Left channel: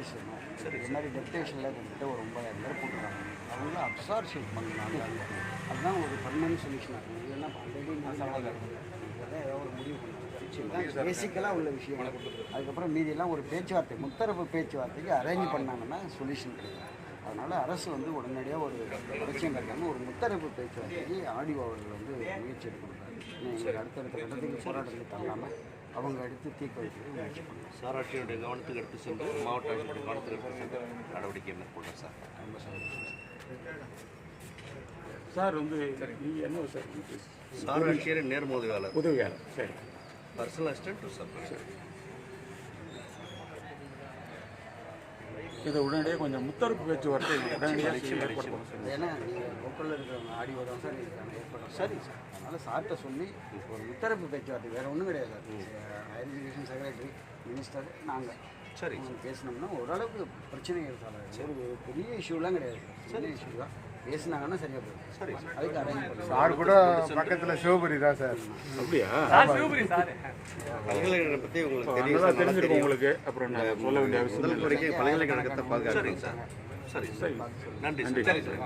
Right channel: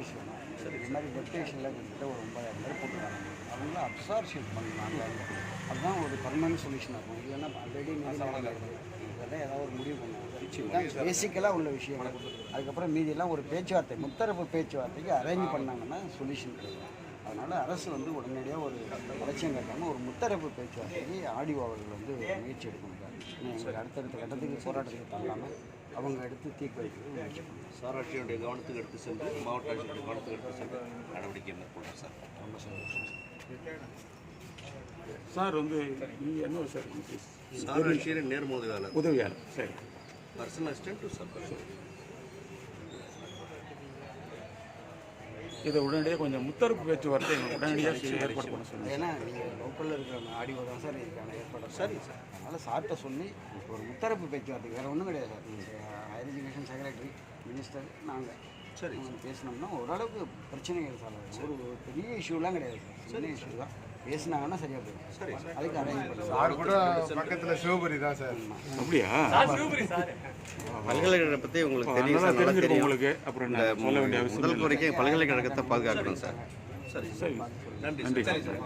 Office வேணும். இது மாதிரி டெப்டேஷனில் கிட்டத்தட்ட ஒரு 9,000 பேர் போட்டுருக்காங்க. அவங்கள அப்சார்ப்ஷன் பண்ணலாம். அதுதான் ஒரு பர்மனன்ட் சொல்யூஷன் இருக்கும். இல்லைன்னா ஆல்ரெடி இதெல்லாம் ஏதாவது ஒரு முடிவு பண்ணலாம். பேசிக்கலாக உள்ள விஷயம். அதுக்கப்புறம் மீதியெல்லாம் ஒரு பேச்சுவார்த்தை, முத்தரப்பு பேச்சுவார்த்தைக்கு அரேஞ்ச் பண்ணாங்கன்னா சொல்யூஷன் கிடைக்கும். அதனால் அரசு வந்து உடனடியாக ஒரு பிரச்சனை இருக்காமல் ஒரு முத்தரப்பு பேச்சுவார்த்தைக்கு ஆடியோ அவர்கள் வந்து முயற்சி எடுக்கணும். எங்களுக்கு அடுத்தடுத்த கட்டத்துக்கு போராட்டத்துக்கு தள்ளாமல் அவங்க எடுத்து தீர்ப்பு வைக்கிறது முயற்சி பண்ணலாம். சார் ஆட்சியுடைய கவனத்துக்கு எடுத்து சென்று மாவட்ட ஆட்சியுடைய கவனத்துக்கு எடுத்து சென்று நடவடிக்கை மேற்கொள்கிறோம் சார். ரொம்ப சந்தோஷம் சார். வந்து நீங்கள் என்ன சார்? சார் ஆட்சியர் நேர்முதவியாளர் உதவியாளர். சரி. Personal assistant to sir. சரி. இதை உடனடியாக கொஞ்சம் முத்தரப்பு பேச்சுவார்த்தை உடனடியாக ஏற்படுத்தணும். ஏன்னா நீங்கள் லோக்கலில் இருக்கிற ஆடியோ தான் சார் இதுக்கான ஏற்பாடு. சரி சார். அதனால் சார்கிட்ட சொல்லி ஒரு முத்தரப்பு பேச்சுவார்த்தை வேறு ஒன்றும் கிடையாது sir. Higher education secretary, minister, நாங்கள் சரி பேசினோம்னா ஓரளவுக்கு பிரச்சனைகள் சார். ஒரு பெரிய இஷ்யூலாம் கிடையாது சார். சின்ன இஷ்யூ தான். பேசினாங்கன்னா சரியாக போயிடும். சரி அதுக்கு அரேஞ்ச் பண்ணலாம். சார் கூட பக்கத்தில் சிவபுரி தான் சார். அப்படியா? பல்கலைக்கழகத்தை பற்றி உங்களுக்கு தெரியும் சார். நல்லா தெரியும் உங்களுக்கு. அப்புறம் சொல்ல வேண்டிய அவசியம் முதல் வரைக்கும் பல்கலைக்கழகத்தை பாதுகாக்கிறீங்க சார். சரி சரி. நன்றி. சரி சார்.